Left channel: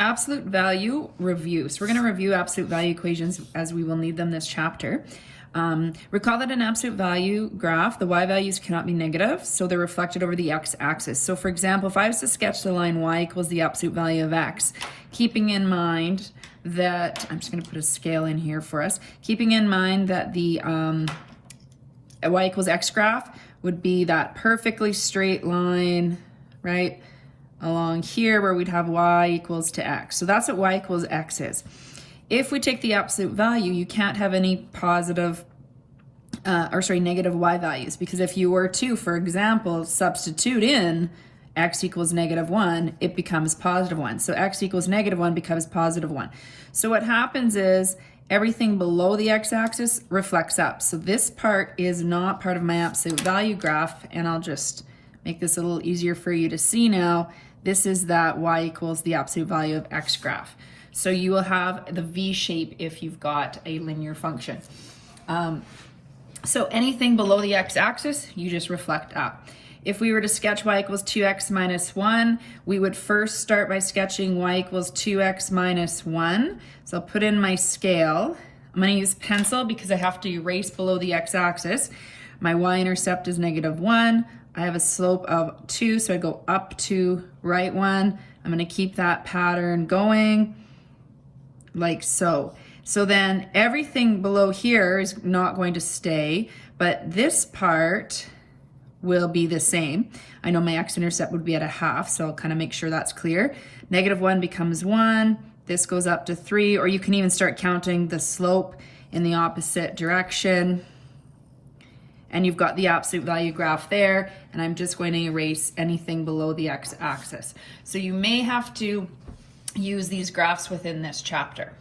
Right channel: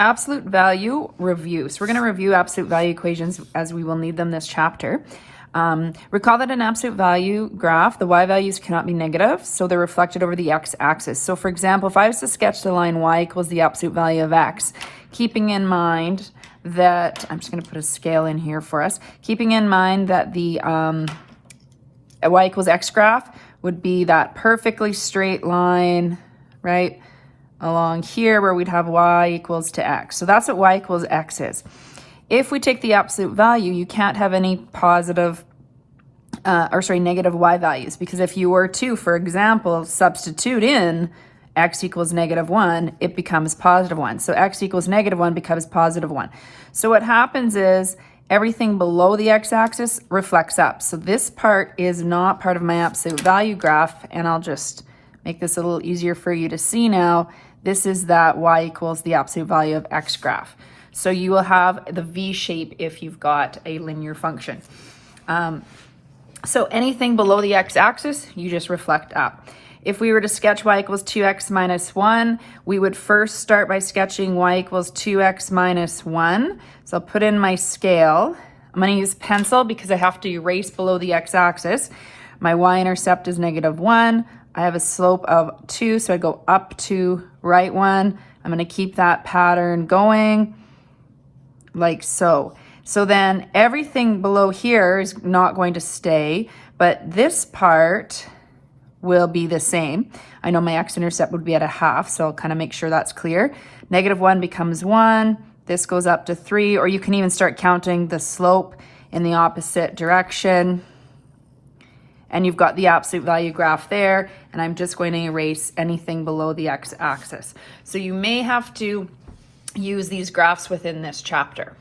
absolute value review. So we're going to review absolute value equations as we will need them this chapter. Recall that in absolute value graph, the y values cannot be negative, so they're reflected over the x-axis. So for example, if I was to sketch the line y equals the absolute value of x, keeping in mind that, I'm just going to put a scale in here for us, keeping in mind that the y equals x graph would be that perfectly straight line, right, along here where we'd have y equals to x. So that's what y equals x is. If we take the absolute value, you can't have any positive, negative y values, because if you were to, for example, substitute in x equals -1, it becomes +1. So x equals -1 becomes +1. So what happens is everything below the x-axis reflects up. So this part is not part of my absolute value graph, and I'll just make this a little easier for you to see now. This is that y equals the absolute value of x graph. So you will have the V shape if you've got a linear function. So anything below the x-axis, you just reflect up. If we were to sketch y equals 2x minus 1, we would first start by sketching y equals 2x minus 1. So I'll put in my scale. I'm going to use pencil because I have to erase below the x-axis. My y-intercept is -1. I have a slope of 2, so I go up to right 1. I'm going to keep that pattern going like so. So then everything below here is not going to stay, but this part will be the same. I know my x-intercept would be at 1/2, so I'll kind of make sure that's clear. -1 becomes 1. This goes up to 3, or you can even start counting the slope in the opposite direction. And you've got the absolute value graph there, and I'm just going to erase anything below the x-axis. So you may have to use these graphs within this chapter.